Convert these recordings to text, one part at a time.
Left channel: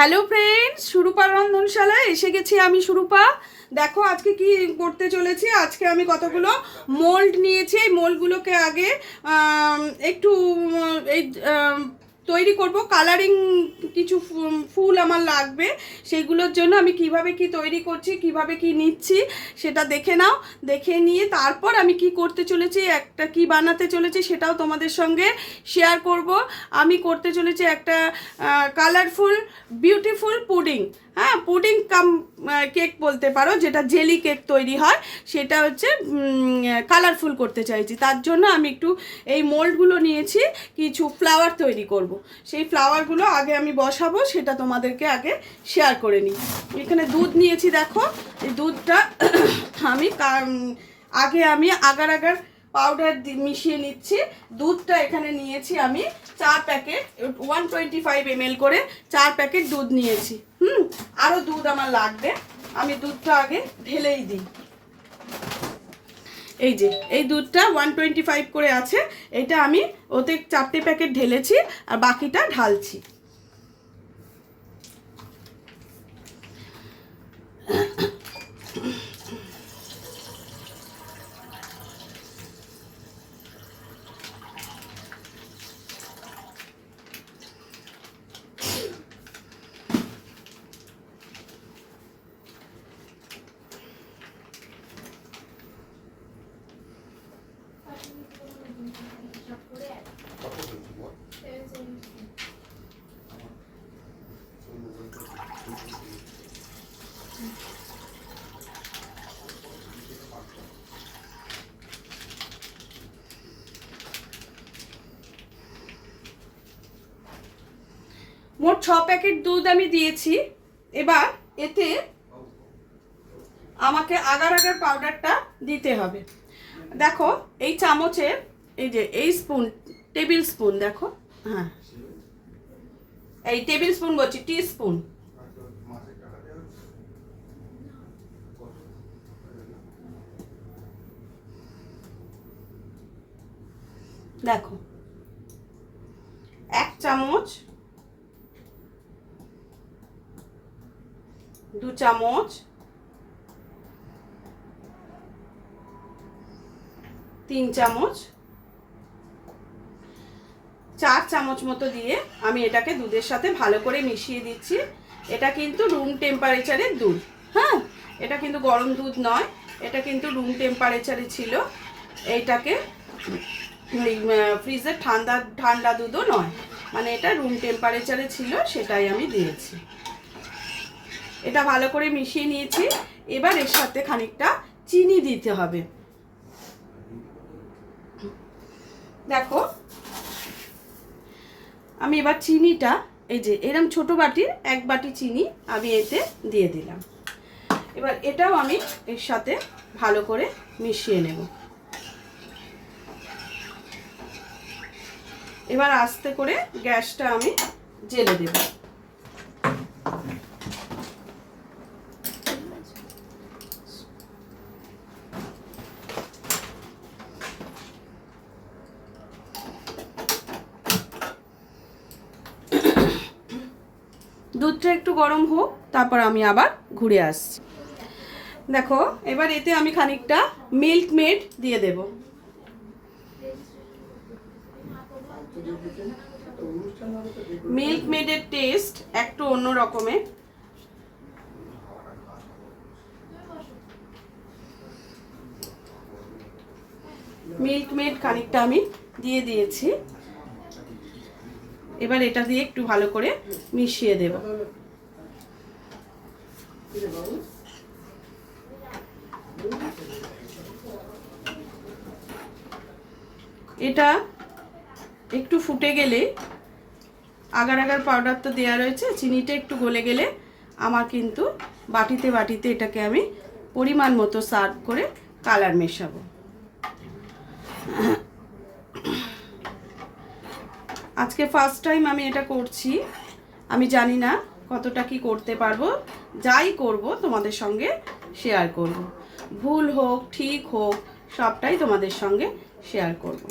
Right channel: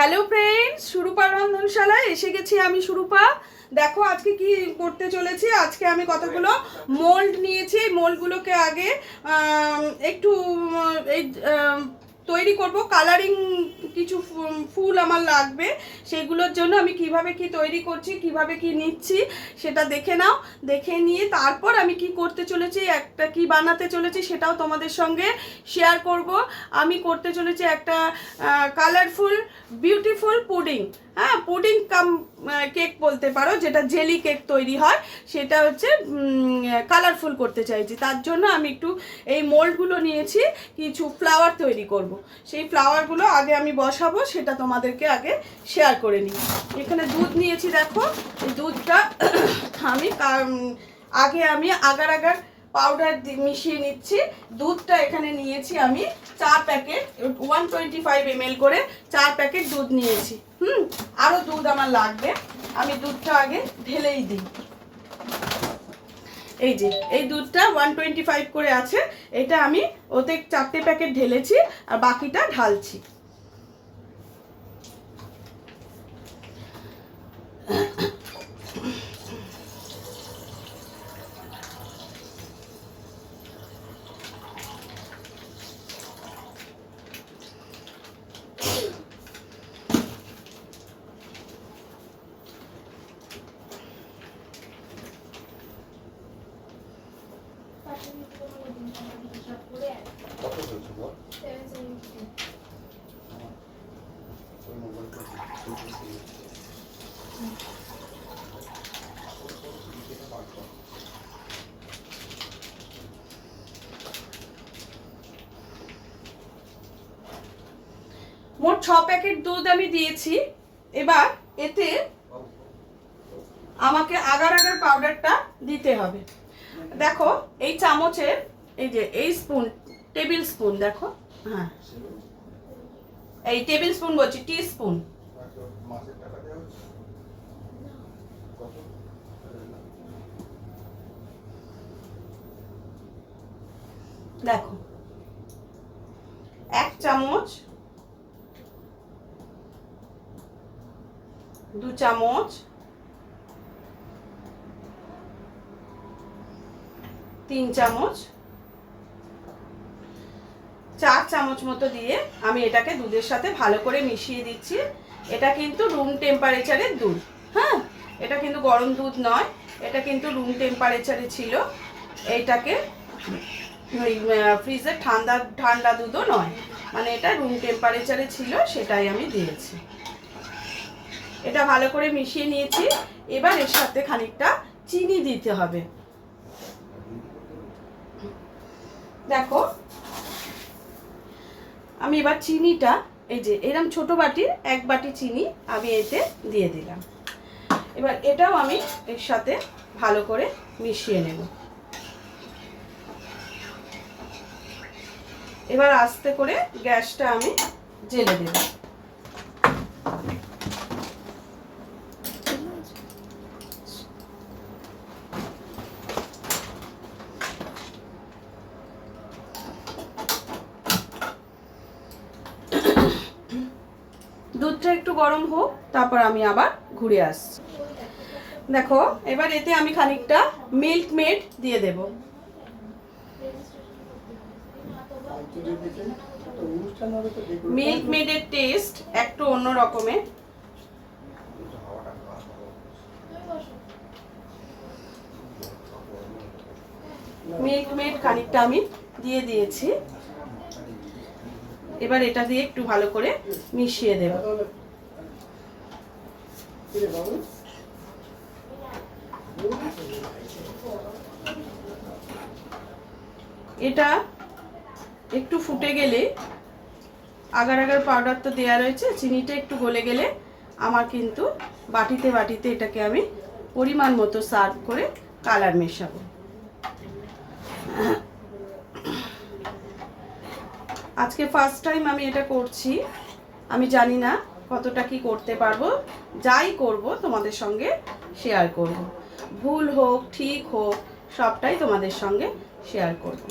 Hello friends, Surupa রন্ধনশালায় এসে গেছি আমি সুরূপা। দেখো আজকে কি করতে চলেছি। আজকে আমি কতগুলো মোল্ড নিয়েছি। এই মোল্ডগুলোকে আগে একটু এই তৈরি করব। কালারিং কিছু ফুল আমার লাগবে। সেইগুলোর জন্য আমি কিভাবে কি তৈরি করছি, কিভাবে কি নিচ্ছি সেটা দেখে নাও। দেখে নিয়ে তারপর আমি কি করতে চলেছি, একটা কি বানাতে চলেছি সেটাও তোমাদের সঙ্গে শেয়ার করব। আমি করতে চলেছি একটা কালারফুল বিউটিফুল পুডিং। হ্যাঁ, পুডিং কাম কেক বলতে পারো, যেটা জেলি কেক তৈরি হয়, সেটা হচ্ছে কালারফুল করতে চাইছি। তার জন্য আমি একটু এই মোল্ডগুলো নিয়েছি, কিছু ফ্লাওয়ার তৈরি করব। সেই ফ্লাওয়ারগুলো আগে আমি বসাবো, সেটা তোমাদেরকে আগে শেয়ার করে নিই। এখানে দুধ নিয়েছি, দেখো এই দুধটা আমি আগার পাউডার মিশিয়ে নিচ্ছি। দুধটা এখানে নিয়েছি আমি 4 প্যাকেট, 125 ml করে 4 প্যাকেট দুধ নিয়েছি। আরও দুধ আমার লাগবে। আমি দুধটা আগে ঢেলেই দিই। এই যে এই দুধটা 125 করে আছে, এটা আমি ওতে 4টে প্যাকেট ঢেলেছি আর বাকিটা ঢালছি। মোট 6 প্যাকেট দুধ আমি দিয়েছি। এবার এতে আমাকে আগার পাউডারটা দিতে হবে। দেখো এই চামচের, এই যে এই স্পুন, টেবিল স্পুন, দেখো, হ্যাঁ এই টেবিল স্পুন বলছি, টি স্পুন। দেখো 1 চামচ, 2 চামচ, 3 চামচ, 4 চামচ মতো দিয়ে আমি এটাকে দুধের সাথে ভালো করে মিশিয়ে দিচ্ছি। এটা কিন্তু রুম টেম্পারেচারের দুধ। হ্যাঁ, এটা কিন্তু গরম দুধ নয়, এটা কিন্তু রুম টেম্পারেচারে ছিল। এইটাকে ফ্রিজের ঠান্ডা দুধও নয়, মানে এটা রুম টেম্পারেচারে ছিল, সেটাই আমি দিয়েছি। এটা ভালো করে মিশিয়ে নিয়েছি। এবার এর সাথে খানিকটা চিনি দিতে হবে। দেখো আমি এবার চিনিটা, এই যে এরকম ছোট বাটির 1 বাটি চিনি আমি এতে দিয়ে দিলাম। এবার এটাও আমি এর সাথে ভালো করে মিশিয়ে নেব। এবার আস্তে করে গ্যাসটা আমি জ্বেলে দেব। দুধটা একটু গরম হোক, তারপর আমি আবার ঘুরে আসছি। দেখো এবার এতে আমি খানিকটা মিল্ক মেড দিয়ে দেব। মিল্ক মেডের টেস্ট একটু অন্য রকমের। মিল্ক মেড খানিকটা আমি দিয়ে দিয়েছি। এবার এটা দিয়ে একটু ভালো করে মিশিয়ে দেব। এটা একটু ফুটে গেলে, আগার পাউডার তো দেওয়া রয়েছে, চিনিটা একটু গলে গেলে আমার কিন্তু বাটিতে এটাকে আমি পরিমাণ মতো সার্ভ করে কালার মেশাবো। আজকে ফার্স্ট টাইম আমি এটা করছি, আমি জানি না কতটা কি করতে পারবো। যাই করব তোমাদের সঙ্গে শেয়ার করব, ভুল হোক ঠিক হোক সবটাই তোমাদের সঙ্গে শেয়ার করব।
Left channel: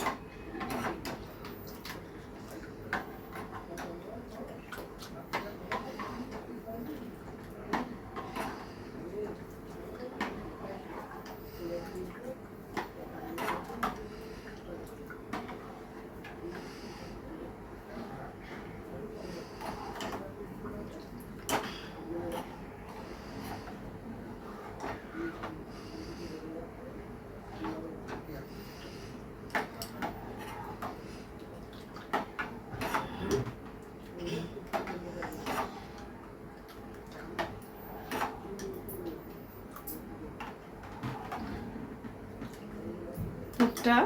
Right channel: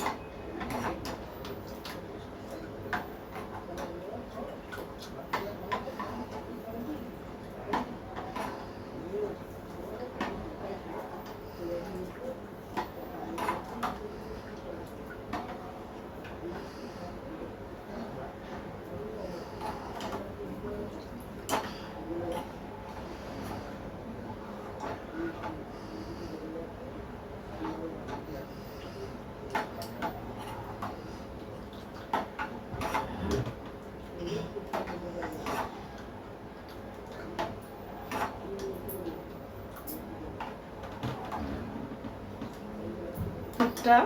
দুধটা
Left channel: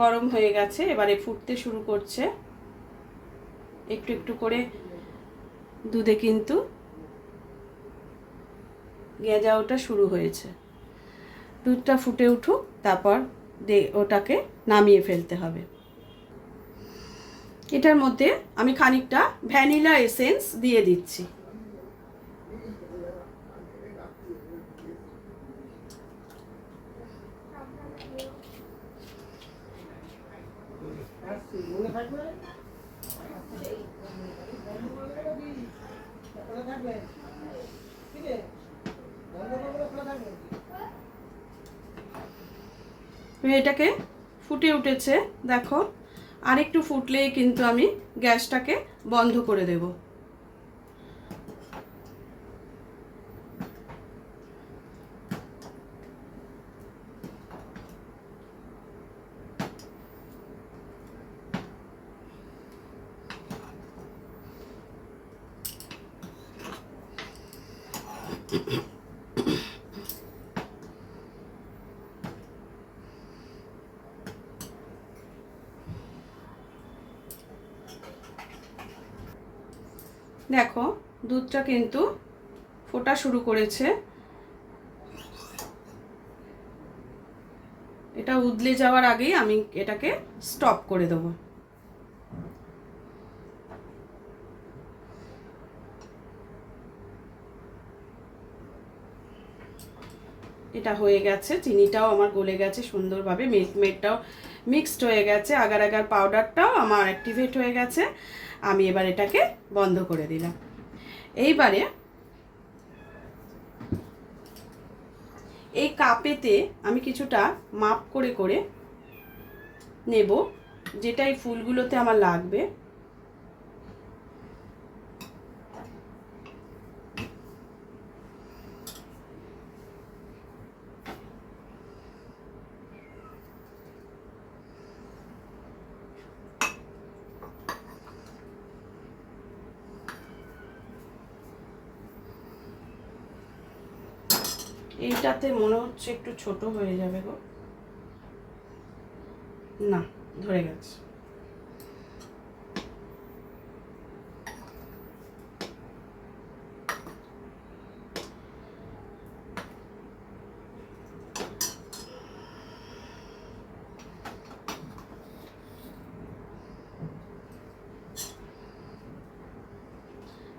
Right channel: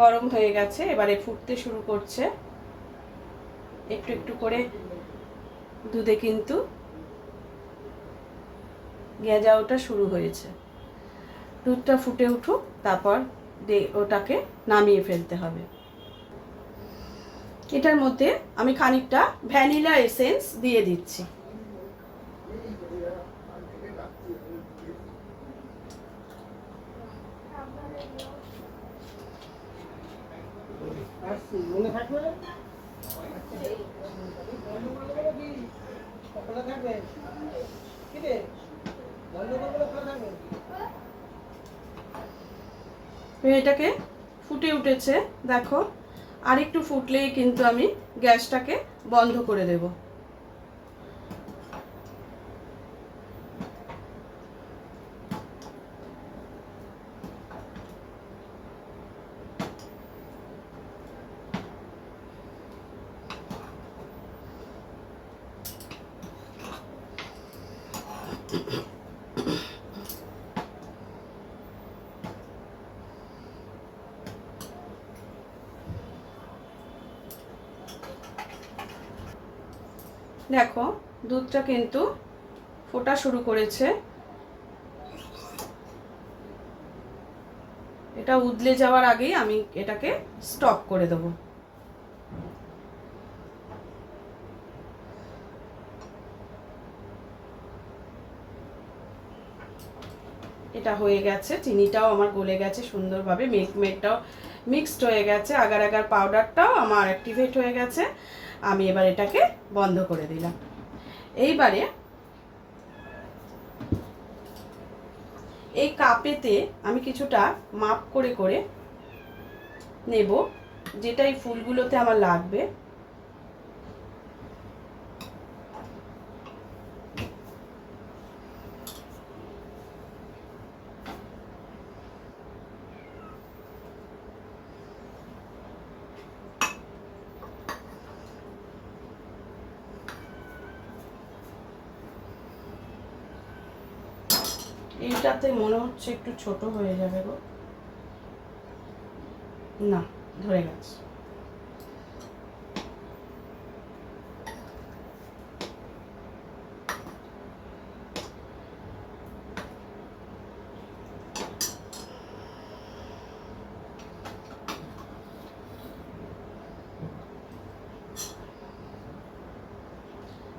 গরম হয়ে গেছে, এবারে ফুটতে শুরু করছে। একটু একটু করে দুধে কিন্তু গেজা ওঠা শুরু হয়েছে। দুধটা ফুটে উঠুক, তারপর ওটাকে নামিয়ে ফেলতে হবে। এটার মধ্যে আমি খানিকটা ভ্যানিলা এসেন্স দিয়ে দিচ্ছি। এটাকে ফুটে উঠেছে, দেখো। আর একটু ফুটলেই কিন্তু আমি গ্যাসটাকে বন্ধ করে দেব। দেখো দুধটা কিন্তু ফোটা শুরু করেছে। এটা উদলে যাওয়ার আগেই আমি এটাকে স্টপ করে দেব। এটা হয়ে গেছে, চিনিটাও আমার গলে গেছে সুন্দরভাবে, মিল্ক মেডটাও মিক্সড হয়ে গেছে, আগার আগার পাউডারটাও আমার অ্যাক্টিভেট হয়ে গেছে। আমি এবার এটাকে বন্ধ করে দিলাম। এইবারে এই কাপেতে আমি কিছুটা মাপ করে করে নেব, যেটা এই ফুলগুলোতে আমার লাগবে। এইটাতে মনে হচ্ছে একটু ছোট হয়ে যাবে গো, না ধরে গেছে।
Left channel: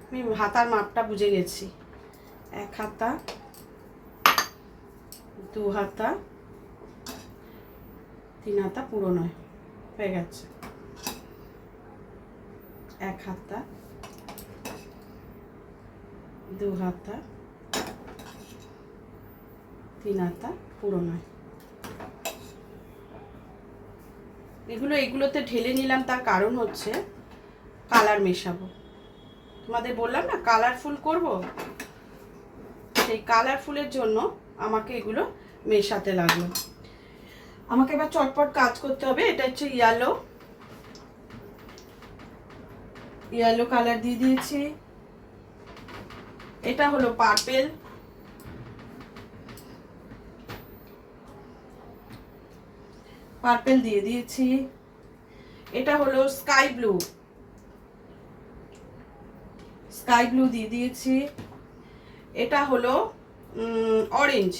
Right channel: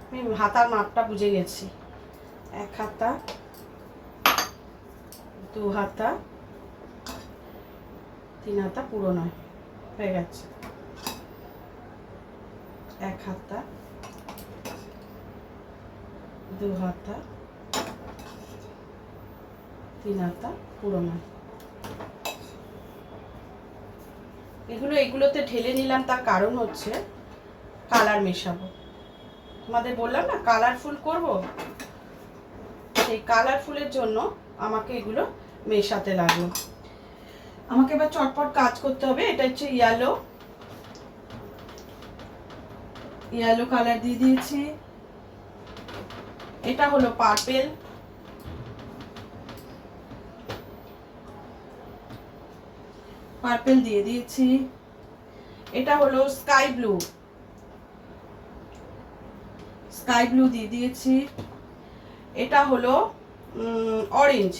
আমি হাতার মাপটা বুঝে গেছি, 1 হাতা, 2 হাতা, 3 হাতা পুরো নয়, হয়ে গেছে। 1 হাতা, 2 হাতা, 3 হাতা পুরো নয়। এগুলোতে ঢেলে নিলাম, তার কারণ হচ্ছে কালার মেশাবো। তোমাদের বললাম না কালারফুল করব, সেই কালারফুলের জন্য আমাকে এগুলো মেশাতে লাগলো। আমাকে এবার চটপট কাজ করতে হবে। এটা হচ্ছে ইয়েলো কালার দিয়ে দিয়েছি। এটা হলো পার্পেল দিয়ে দিয়েছি। এটা হলো স্কাই ব্লু দিয়ে দিয়েছি। এটা হলো অরেঞ্জ।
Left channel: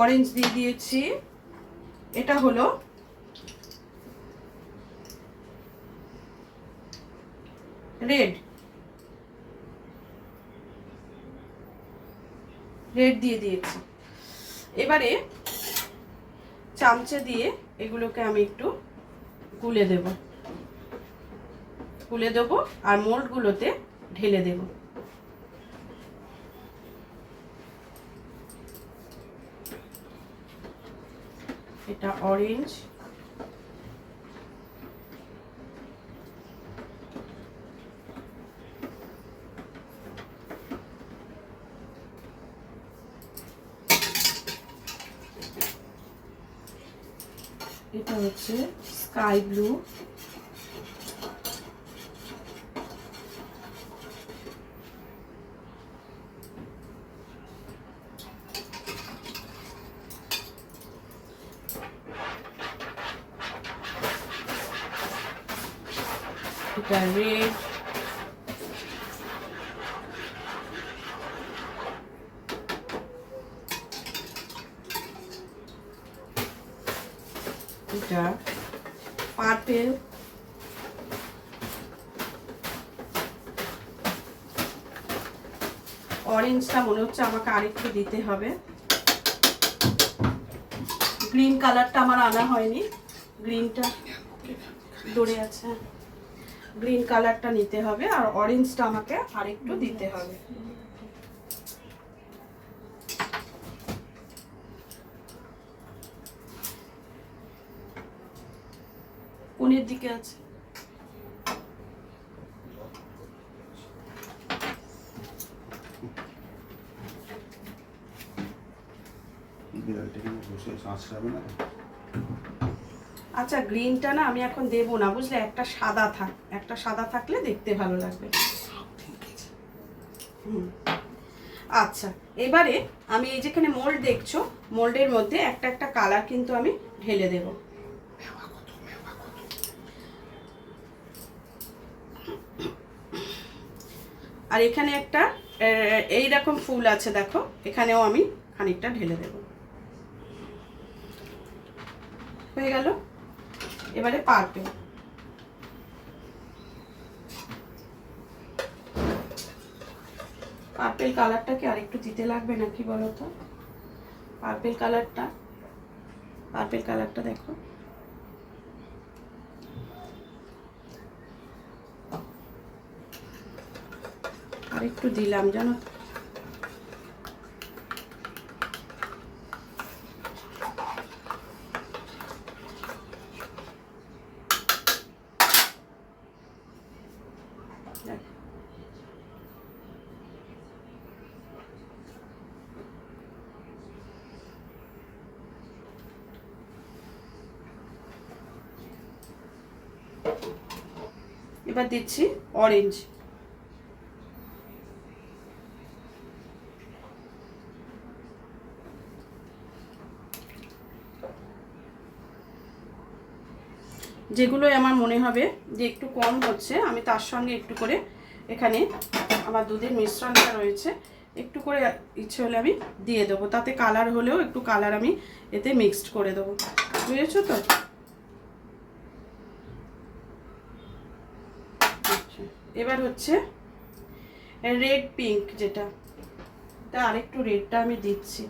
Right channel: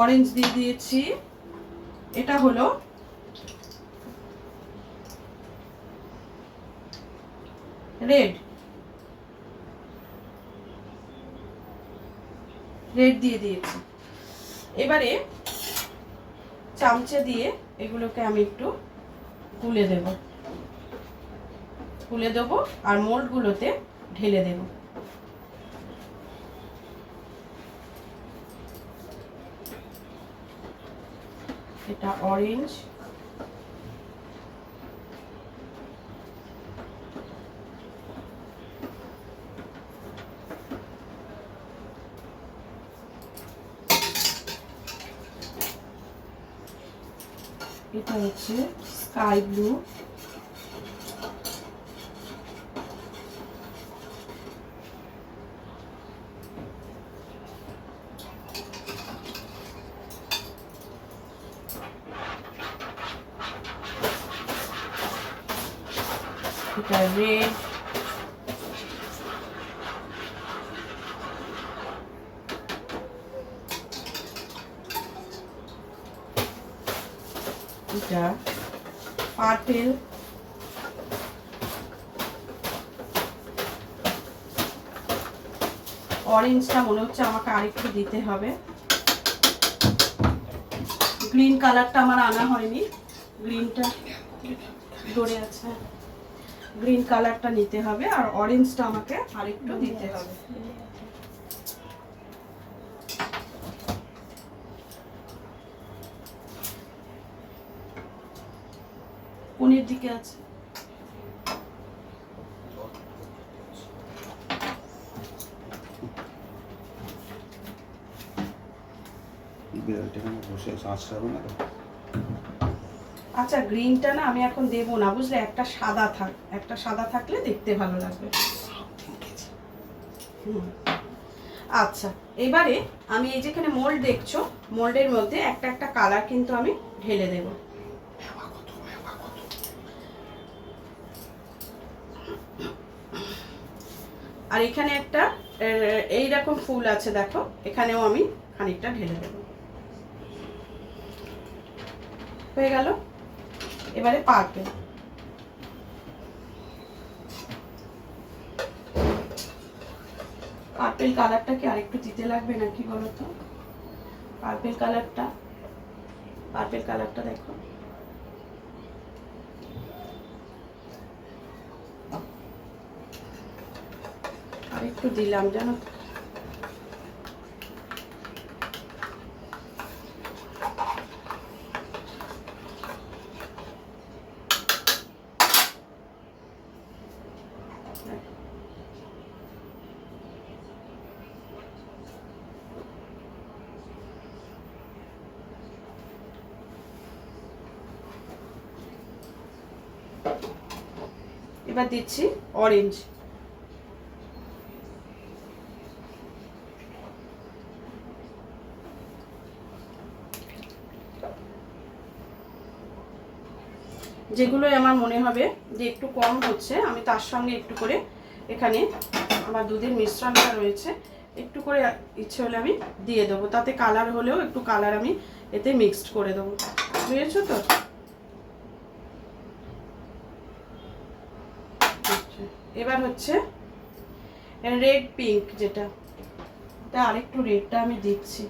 অরেঞ্জ দিয়ে দিয়েছি। এটা হলো রেড দিয়ে দিয়েছি। এবারে চামচে দিয়ে এগুলোকে আমি একটু গুলে দেব আর মোল্ডগুলোতে ঢেলে দেব। এটা অরেঞ্জ, এটা হচ্ছে স্কাই ব্লু, এটা রেড, এটা পার্পেল, অরেঞ্জটা মনে হচ্ছে আমাকে আরেকটু দিতে হবে, গ্রিন কালারটা আমার আনা হয়নি, গ্রিনটা ধরে আছে, গ্রিন কালারটা নিতে হবে, আর অরেঞ্জটা আমাকে আরেকটু দিতে হবে। কোণের দিকে আছে, আচ্ছা গ্রিনটা না আমি এখন দেবো না বুঝলে, একটা সাদা থাক, একটা সাদা থাকলে দেখতে ভালো লাগবে। আচ্ছা এবারে আমি এই যেখানে মোল্ড দেখছো, মোল্ডের মধ্যে একটা একটা কালার কিন্তু আমি ঢেলে দেব। আর এখানে একটা এইরকম ফুল আছে দেখো, এখানেও আমি খানিকটা ঢেলে দেব। হয়ে গেল। এবারে পার্পেল, পার্পেল কালারটা কি আরেকটু দিতে লাগবে নাকি বলো তো? পার্পেল কালারটা দেখো, আরেকটু দিলাম জানো তো। এবার দিচ্ছি অরেঞ্জ, যেগুলো আমার মনে হবে যে একটু কম হচ্ছে আমি তার সঙ্গে একটু করে এখানে আমার দুধের মিশ্রণটা রয়েছে, একটু করে ইচ্ছে হলে আমি দিয়ে দেবো, তাতে কালার হলেও একটু কালার আমি এতে মিক্সড করে দেবো, বুঝেছো তো? এবার হচ্ছে রেড পিঙ্ক, যেটা তা আরেকটু রেডটা আমি দিচ্ছি,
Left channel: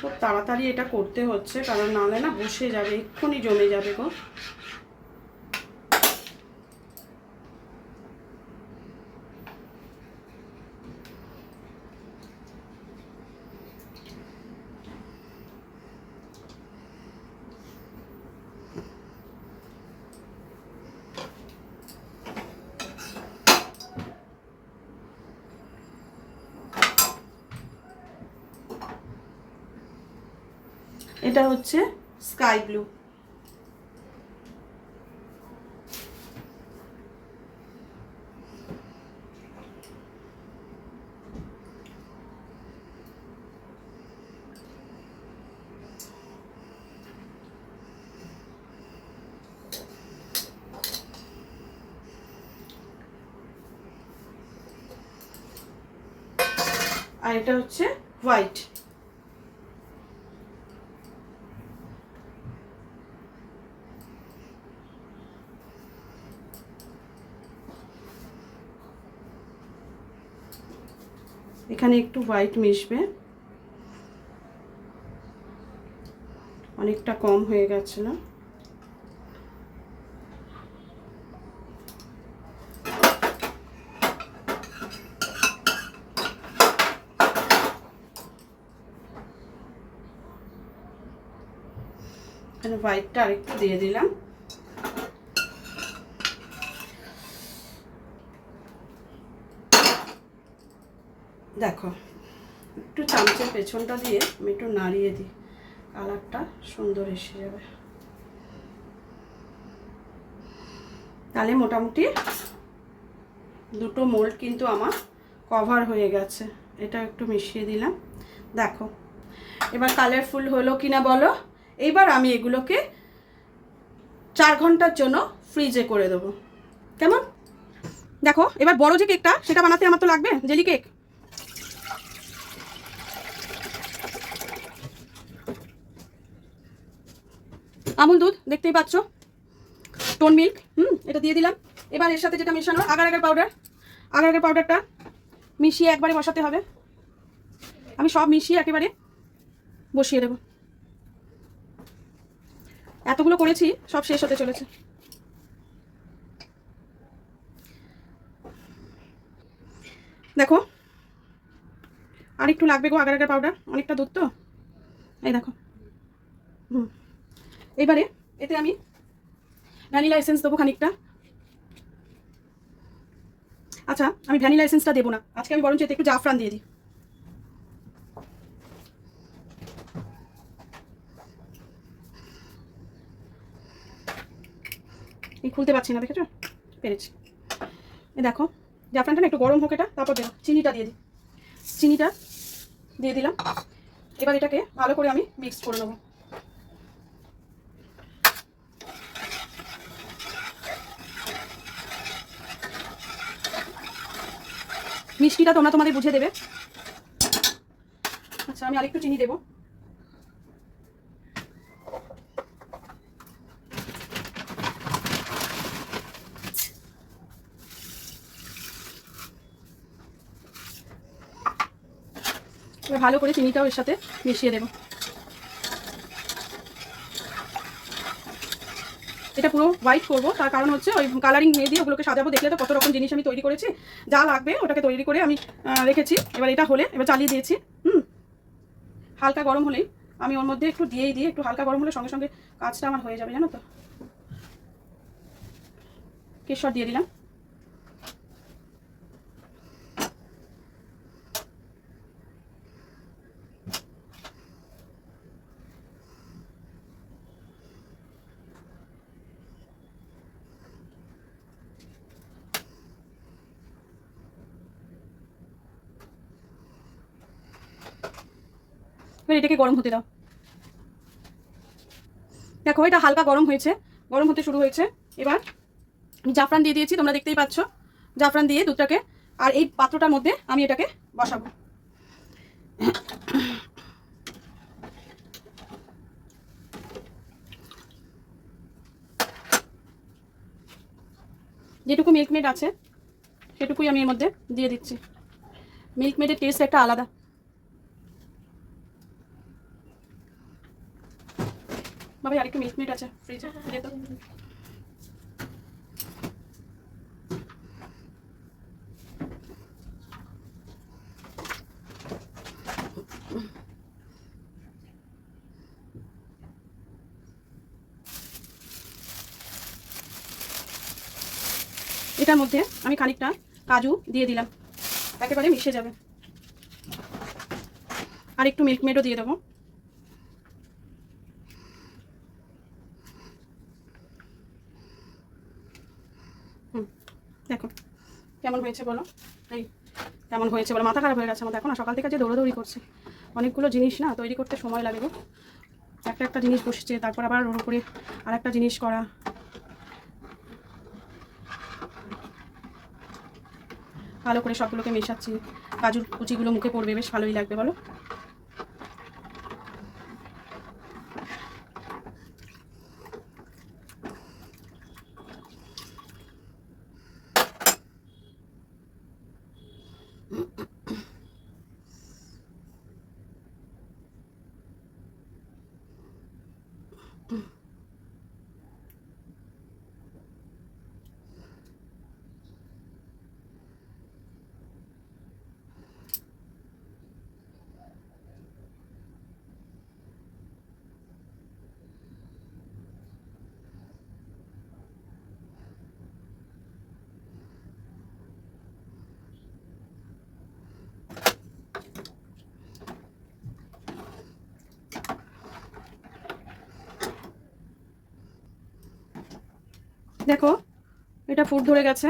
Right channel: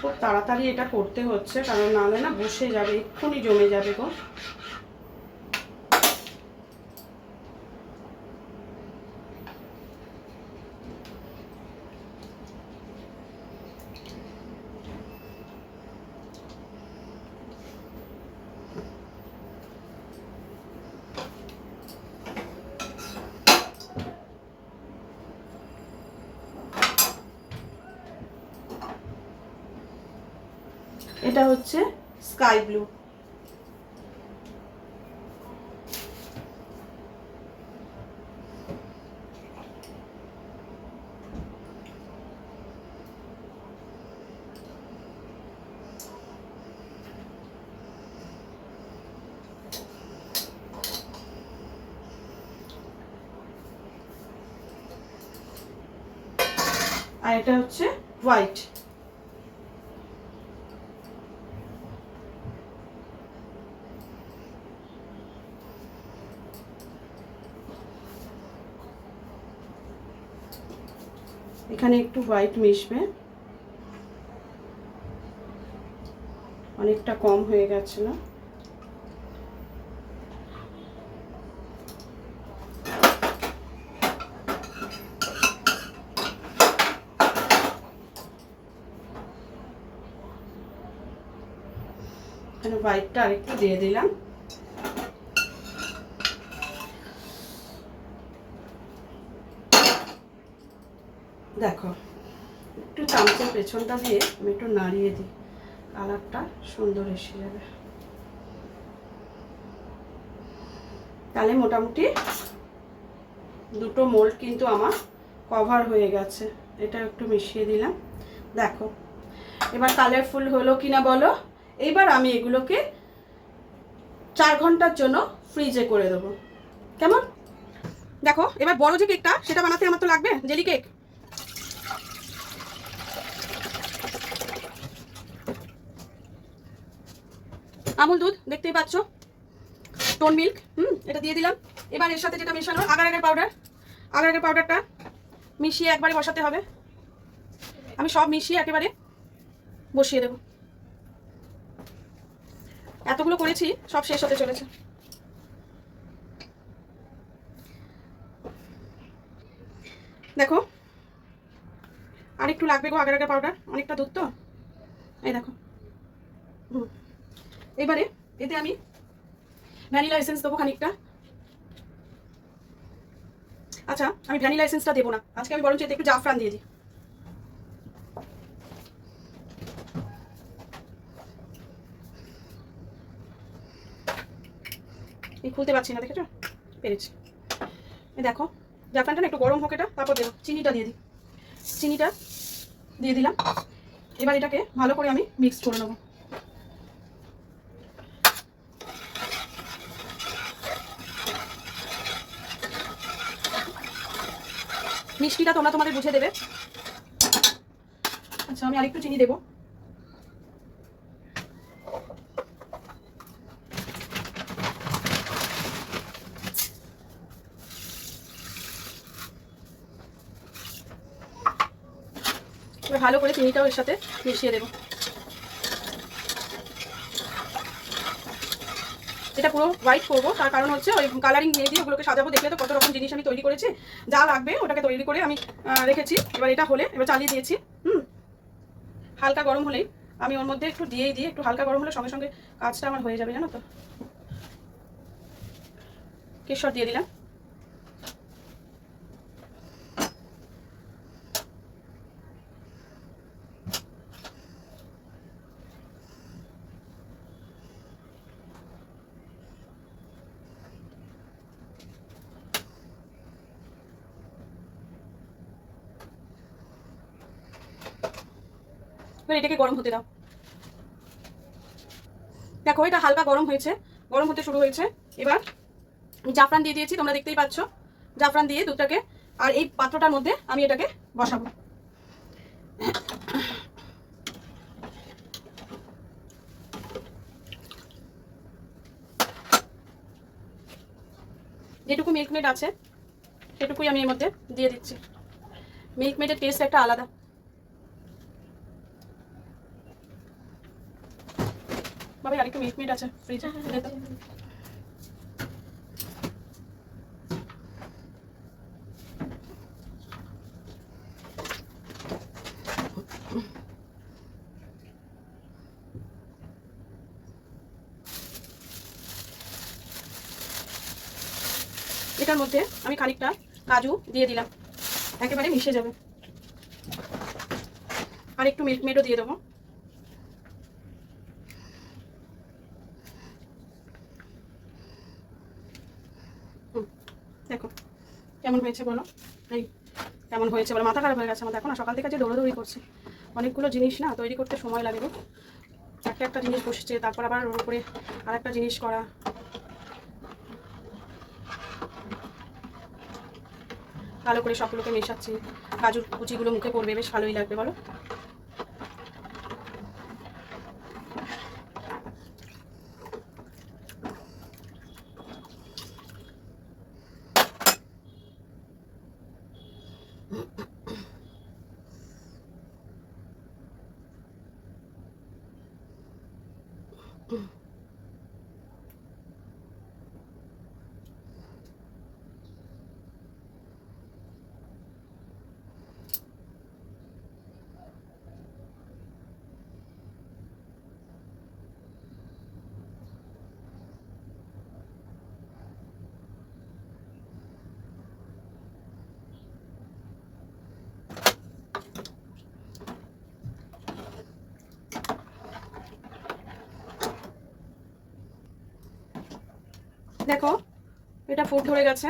খুব তাড়াতাড়ি এটা করতে হচ্ছে কারণ নাহলে না বসে যাবে, এক্ষুনি জমে যাবে গো। এটা হচ্ছে স্কাই ব্লু, আর এটা হচ্ছে হোয়াইট। এখানে একটু হোয়াইট মিশবে, অনেকটা কম হয়ে গেছিল। এখানে হোয়াইটটা আরেকটু দিয়ে দিলাম। দেখো একটু চামচের পেছনটা দিয়ে আমি একটু নাড়িয়ে দিই, কালারটা সুন্দর এসে যাবে। তাহলে মোটামুটি দুটো মোল্ড কিন্তু আমার কভার হয়ে গেছে। এটা একটু মিশিয়ে দিলাম, দেখো এবার কালারফুল হলো কিনা বলো। এইবার আমি এগুলোকে 4 ঘন্টার জন্য ফ্রিজে করে দেবো, কেমন? দেখো এবার বড় যে কেকটা সেটা বানাতে আমার তো লাগবে জেলি কেক। আমুল দুধ দেখতেই পাচ্ছ, টোন মিল্ক, এটা দিয়ে দিলাম। এবার এর সাথে যেটা মেশানো agar agar powder, agar agar পাউডারটা মিশিয়ে একবারে বসাতে হবে। আমি সব মিশিয়ে একেবারে বসিয়ে দেব। এতগুলো করেছি সব শেষ হতে চলেছে। দেখো আর একটু লাগবে গো আগার আগার পাউডার, অনেকটা দুধ তো, এই দেখো। এবারে এতে আমি ভ্যানিলা এসেন্স দেবো খানিকটা। আচ্ছা আমি ভ্যানিলা এসেন্সটা দেবো না আজকে, আমি বরঞ্চ এতে একটু জাফরান দিয়ে দিই। এই খুলতে পারছি না, দেখেছো? পেরেছি। এই দেখো জাফরানটা না একটু গরম হোক, এটা তারপর দেবো। চিনিটা দিয়ে দিই, চিনিটা দিয়ে দিলাম। এবার এটাকে ভালো করে আমি মিক্স করে নেবো। মিষ্টিটা তোমরা তোমাদের বুঝে দেবে। আচ্ছা আমি আরেকটু চিনি দেবো। এবার ভালো করে চিনিটাও এর সাথে মিশিয়ে দেবো। এটা পুরো হোয়াইট করবো, তার কারণ হচ্ছে ওই কালারিং নিয়ে দিয়ে ওগুলোকে সাজাবো। দেখলে তো কত রকম জিনিস আমি তৈরি করেছি, যা লাগবে ওটাকে তৈরি করে আমি রেখেছি। এবার এটা হলে এবার চালিয়ে দিয়েছি। হালকা গরম হলেই আমি ওর মধ্যে একটু দিয়েই দিয়ে, একটু হালকা গরম হলে সঙ্গে সঙ্গে কাজটা আমার হয়ে যাবে, জানো তো। কেশর দিয়ে দিলাম। এবার এটাকে গরম হতে দাও। দেখো এটা হালকা গরম হয়েছে, গরম হতে শুরু হয়েছে। এবার জাফরান দিয়ে দিয়েছি, তোমরা দেখতেই পাচ্ছ। জাফরান দিয়ে দুধটাকে, আর এই পাত্রটার মধ্যে আমি এটাকে বসাবো। যেটুকু মিল্কমেড আছে সেটুকুই আমি এর মধ্যে দিয়ে দিচ্ছি। মিল্কমেডের টেস্ট একটা আলাদা। বাবা আরেকটু মিল্কমেড আছে ফ্রিজে, দে তো। এটার মধ্যে আমি খানিকটা কাজু দিয়ে দিলাম, একেবারে মিশে যাবে। আর একটু মিল্কমেডও দিয়ে দেবো। দেখো কেমন হয়েছে বলো, এই কেমন হয়েছে বলো। মাথা খারাপ হয়ে গেছে আমার, দেখো না সকাল থেকে যে দৌড়াদৌড়ি করছি। অনেকগুলো জিনিস না তৈরি করতে সময় লাগে গো। একটা একটা জিনিস বসছে, তারপর আবার ওর উপরে আর একটা জিনিস করা। ভালো করে সবগুলোকে মেশাচ্ছি, কাজুর কুচিগুলো মুখে পড়বে, বেশ ভালোই লাগবে বলো। দেখো এটা ফুট ধরে গেছে,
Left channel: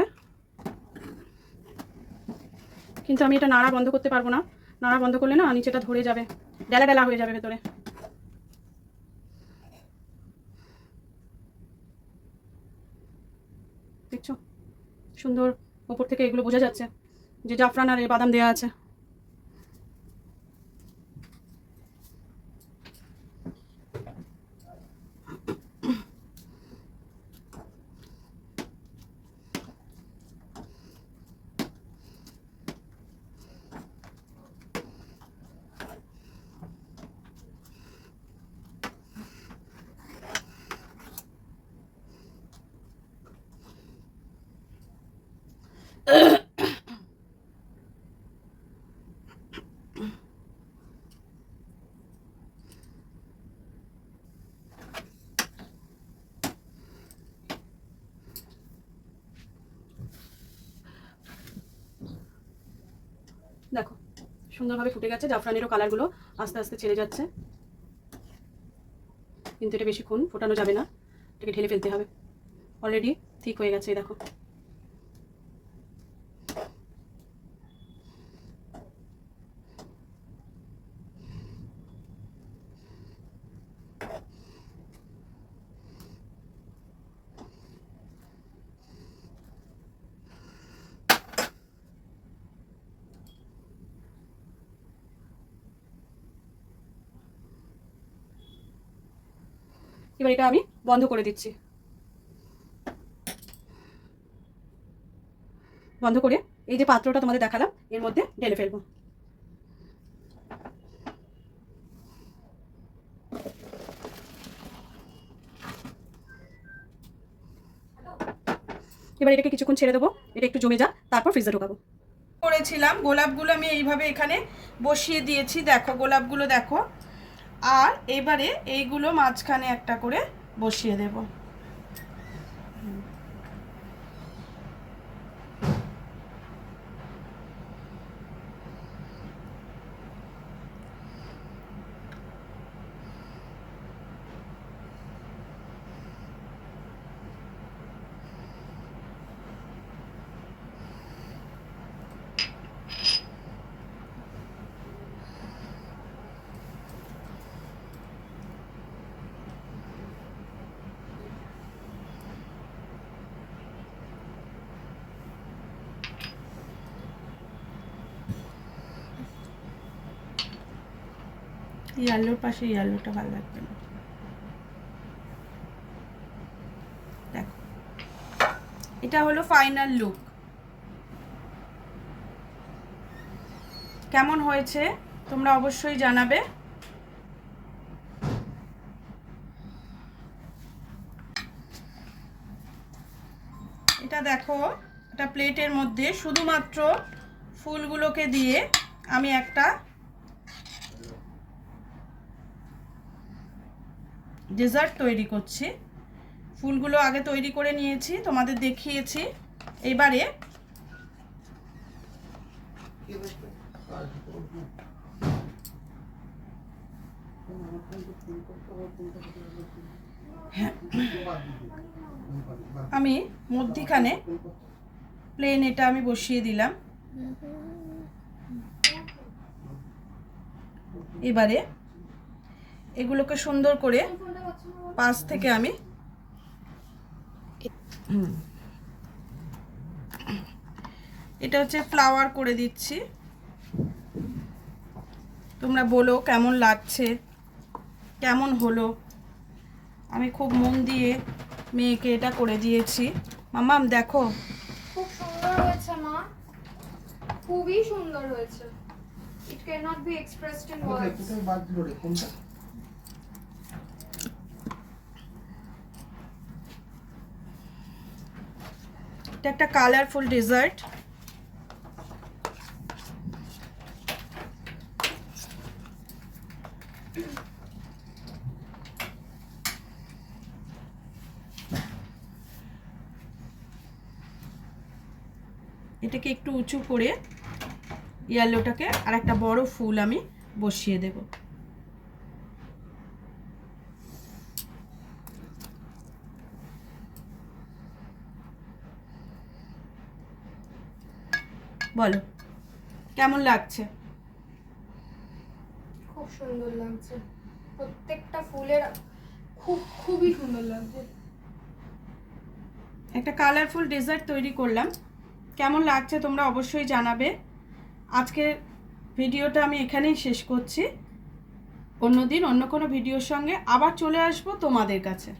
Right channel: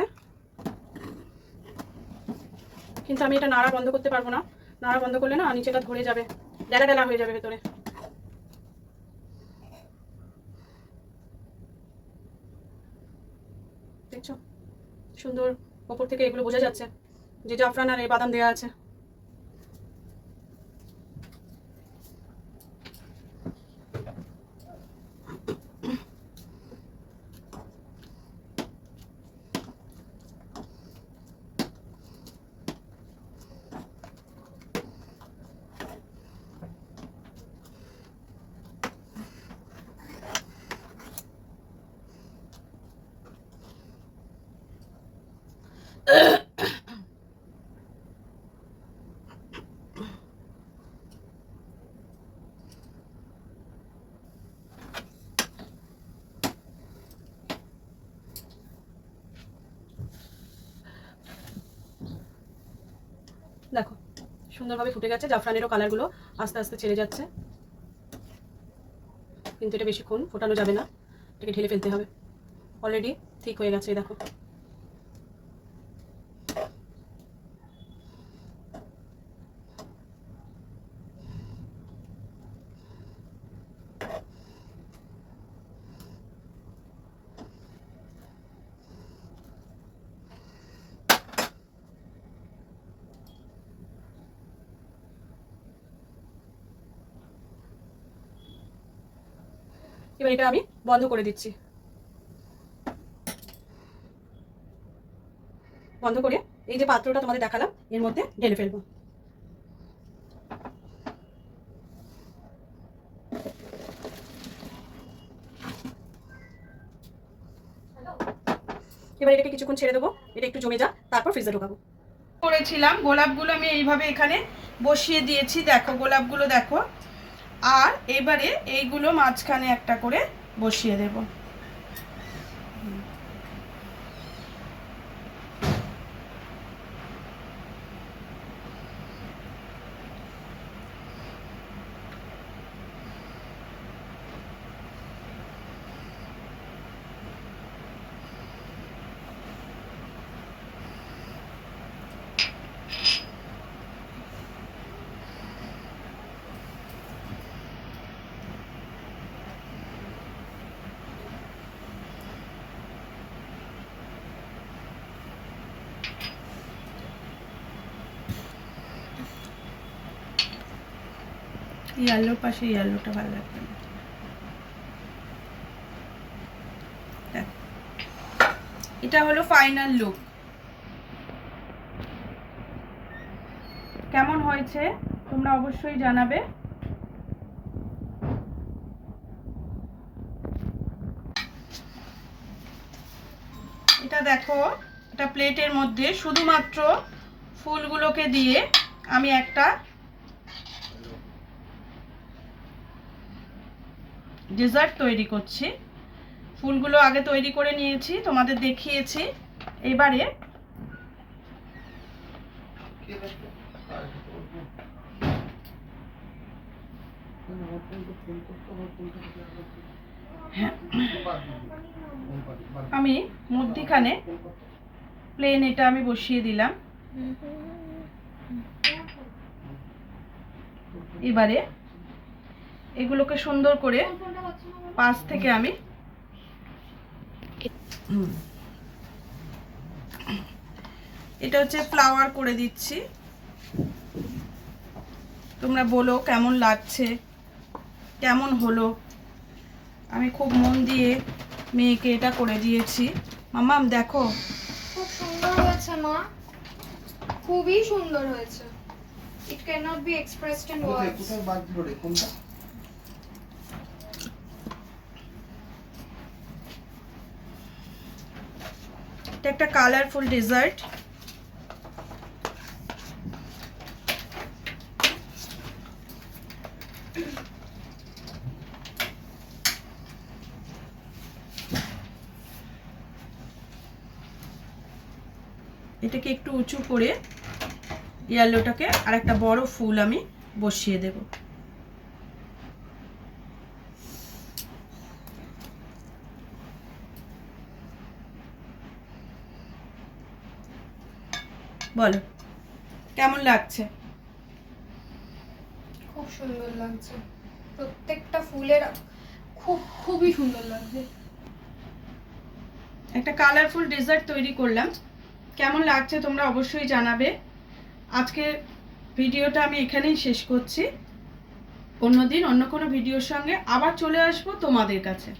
কিন্তু আমি এটা নাড়া বন্ধ করতে পারবো না। নাড়া বন্ধ করলে না নিচেটা ধরে যাবে, ডেলা ডেলা হয়ে যাবে ভেতরে। দেখছো সুন্দর ওপর থেকে এগুলো বোঝা যাচ্ছে যে জাফরান আর এই বাদাম দেওয়া আছে। দেখো সুন্দরভাবে ফুটে গেছে, জাফরানেরও কালারগুলো আস্তে আস্তে ছেড়ে যাচ্ছে, কিন্তু এটা বেশিক্ষণ ফোটানো যাবে না, এটাকে ঢেলে ফেলতে হবে। অলরেডি ঠিক হয়ে গেছে দেখো। এবার এটা আমি বন্ধ করে দিচ্ছি। বন্ধ করে এই যে পাত্রটা তোমাদের দেখালাম এর মধ্যে ঢেলে ফেলবো। এবার এটাকে কিছুক্ষণ ছেড়ে দেবো, এটা একটু জমে যাক, তারপর ফ্রিজে ঢোকাবো। করেছিলাম গোলাপগুলো আমি এইভাবে এখানে বসিয়ে দিয়েছি, দেখো গোলাপগুলো দেখো। আর এবারে এইগুলো মাঝখানে একটা করে বসিয়ে দেব। ইয়েলোর পাশে ইয়েলোটা ভালো লাগবে না। দেখো এটা হলো ফাইনাল লুক। কেমন হয়েছে তোমরা অবশ্যই জানাবে। এটা দেখো, এটা প্লেটের মধ্যে শুধুমাত্র ফুলগুলোকে দিয়ে আমি একটা ডেজার্ট তৈরি করছি। ফুলগুলো আগে তৈরি করে নিয়েছি, তোমাদের দেখিয়েছি। এবারে আমি মধ্যিখানে প্লেন এটা আমি বসিয়ে দিলাম। এবারে এগুলোকে সুন্দর করে পাশ থেকে আমি এটা হচ্ছে ফ্লাওয়ার করে দিচ্ছি। তোমরা বলো কেমন লাগছে, কেমন হলো। আমি খুব মন দিয়ে মেয়েকে এটা করে দিয়েছি। মামাম দেখো খুব সুন্দর হয়েছে মা, খুবই সুন্দর হয়েছে। It cannot be expressed in words. কোথায় বাদ দিল রে কোনটা? এটা একটা কালারফুল ডেজার্ট। এটাকে একটু উঁচু করে ইয়েলোটাকে আর একটা বড় ফুল আমি বসিয়ে দেব। বলো কেমন লাগছে? খুব সুন্দর লাগছে, প্রত্যেকটা ফুলের খুবই সুন্দর লাগছে। একটা কালারফুল ডেজার্ট তৈরি করলাম, কেমন লাগছে তোমরা অবশ্যই জানাবে। আজকে ভিডিওটা আমি এখানেই শেষ করছি, অন্যদিন অন্য কোনো ভিডিওর সঙ্গে আবার চলে আসবো তোমাদের কাছে।